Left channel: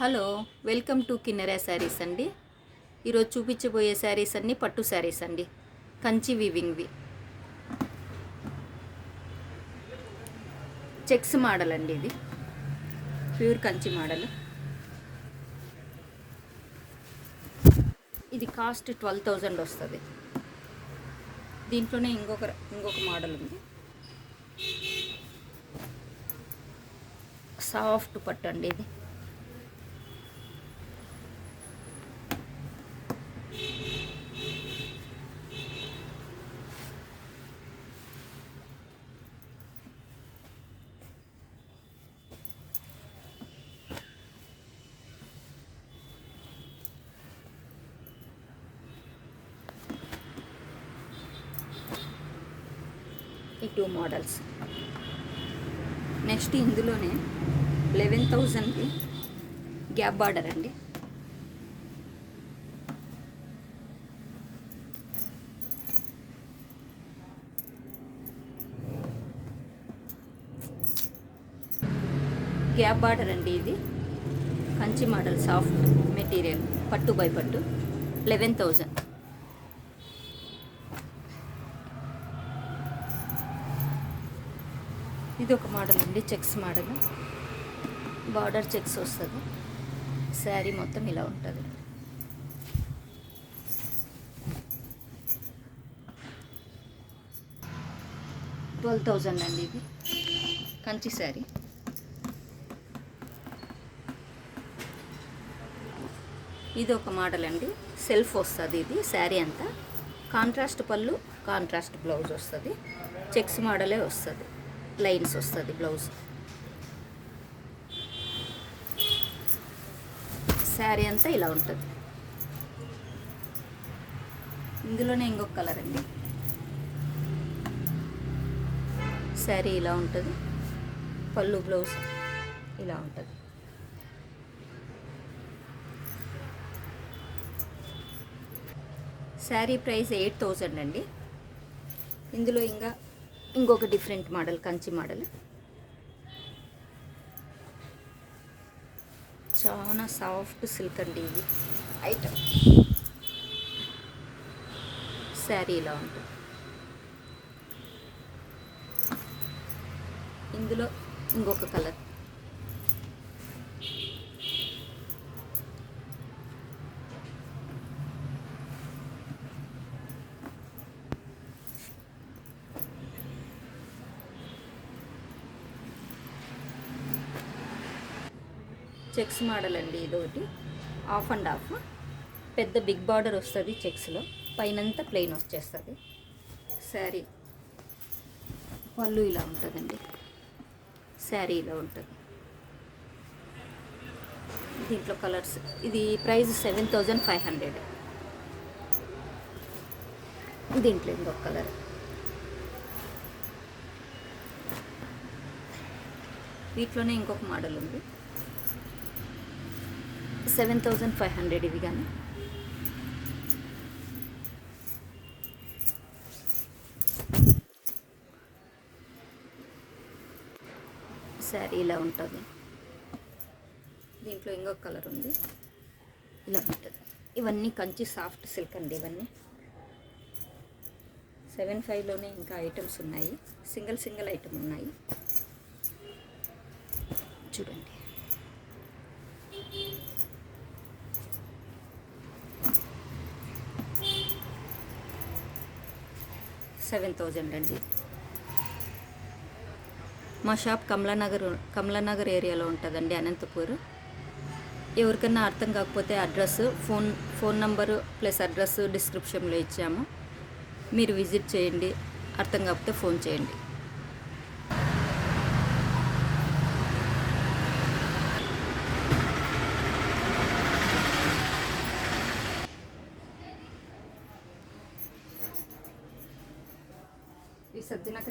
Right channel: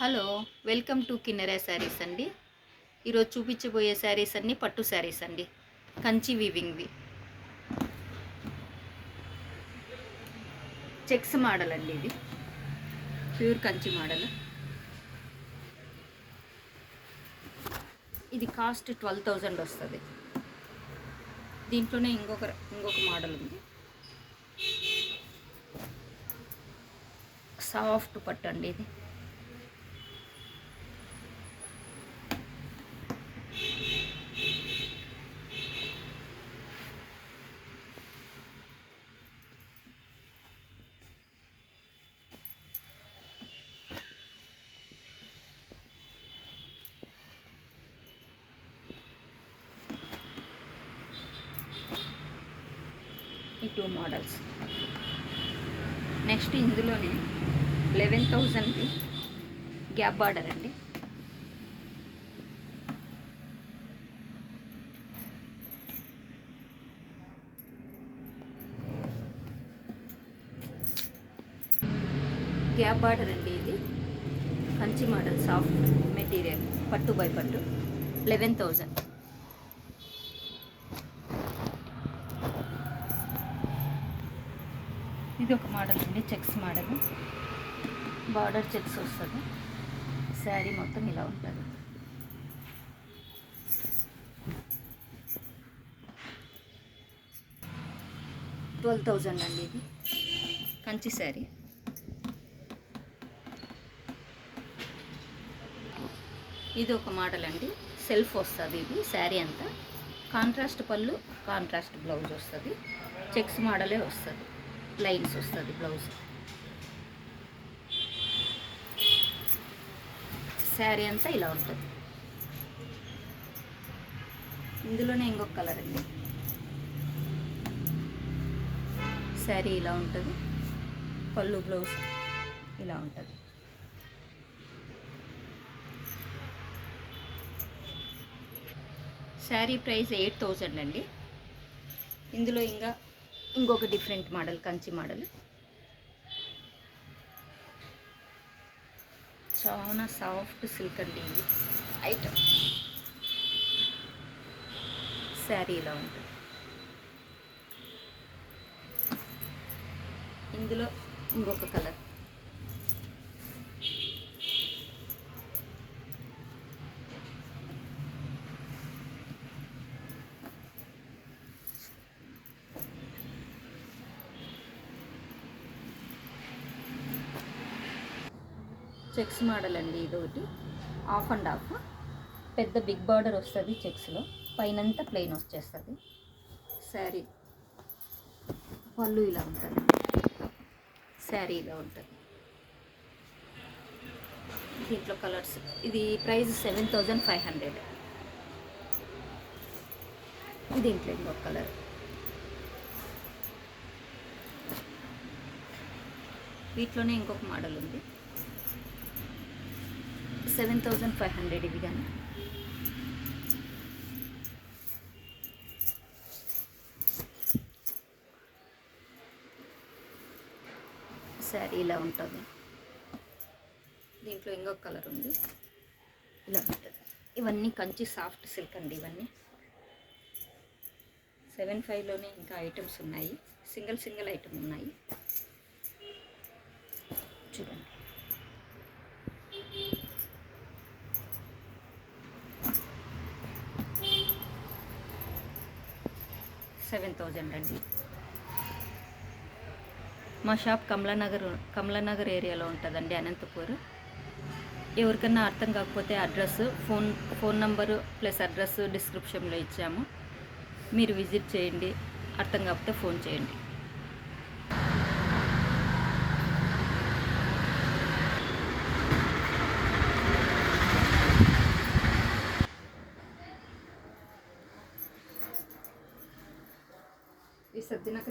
Hello, welcome to Kinnera శారీస్ అండి. ఈరోజు చూపించబోయే శారీస్ అన్నీ పట్టు శారీస్ అండి. కంచి వీవింగ్వి చెక్స్ మోడల్ అండి. ఇది ప్యూర్ కంచి మోడల్. ఇది కాస్ట్ 12,000 వస్తుంది. దీంట్లోనే ఇంకొక మోడల్ ఉంది. సాఫ్ట్ పట్టు అండి ఇది. ఈ 2 మోడల్స్. నెక్స్ట్ ఇందులోనే 11,000 గ్యాప్ బార్డర్ అండి. గ్యాప్ బార్డర్ అండి. ఇది కంచి మోడల్, సాఫ్ట్ మెటీరియల్, పట్టు బై పట్టు. 11,000. ఇది ఒక మోడల్ అండి, చెక్స్ మోడల్. బార్డర్ చెక్స్ వస్తుంది. శారీ మొత్తం ఇలా ఉంటుంది. $12,000 అండి. ఇది కంచి శారీ. ఇది ఒక మోడల్ అండి, సెల్ఫ్ వస్తుంది. ఇది శారీ అంతా కాంట్రాస్ట్ పళ్ళు, కాంట్రాస్ట్ బ్లౌజ్ వస్తుంది. చెక్స్ మోడలే వస్తుంది, లైన్స్ వస్తుంది బ్లౌజ్. శారీ అంతా ఇలా ఉంటుంది. ఇందులోనే ఇంకొక కలర్ అండి. శారీ ఇలా ఉంటుంది, పళ్ళు బ్లౌజ్ ఇలా ఉంటుంది. శారీ ప్రైస్ 8,000 అండి. ఇందులో ఇంకొక డిఫరెంట్ మోడల్, కంచి మోడల్. చాలా సాఫ్ట్ సిల్క్ అండి ఇది ఐటమ్. శారీ ఇలా ఉంటుంది. ఇందులో ఇంకొక కలర్. చెక్స్ మోడల్ అండి. ఇదొకటి ఆఫ్ అండ్ ఆఫ్. పెద్ద బిగ్ బార్డర్ వస్తుంది చెక్స్లో, పైనంతా ప్లెయిన్ వచ్చేస్తుంది. శారీ పళ్ళు ఇలా ఉంటుందండి. శారీ ఇలా ఉంటుంది. దీంట్లో కలర్స్. ఇది ప్రైస్ 7,500. దీంట్లో ఇంకొక కలర్. వీటిలోనే ఇంకొక మోడల్ ఉంది. 7,500 ఇవి కానీ. శారీ ఇలా ఉంటుంది. దీంట్లో ఇంకొక కలర్ ఉంది, ఇలా ఉంటుంది. ఇవన్నీ కంచి సాఫ్ట్ సిల్క్ అండి. ఇవన్నీ 7,500లోనే ఇంకా ఐటమ్స్ ఉన్నాయి. సింగిల్ ఐటమ్ ఉన్నాయి, చూడండి. 7,000 అండి. మా షాప్ కమలానగర్ ఏరియాలో ఉంటుందండి, అనంతపూర్. ఎవరికన్నా అర్థం కాకపోతే address, phone number plus address డిస్క్రిప్షన్లో ఇచ్చాము. మీరు విజిట్ చేయండి. అర్థం కాకపోతే ఫోన్ చేయండి. ఈ సద్దినాక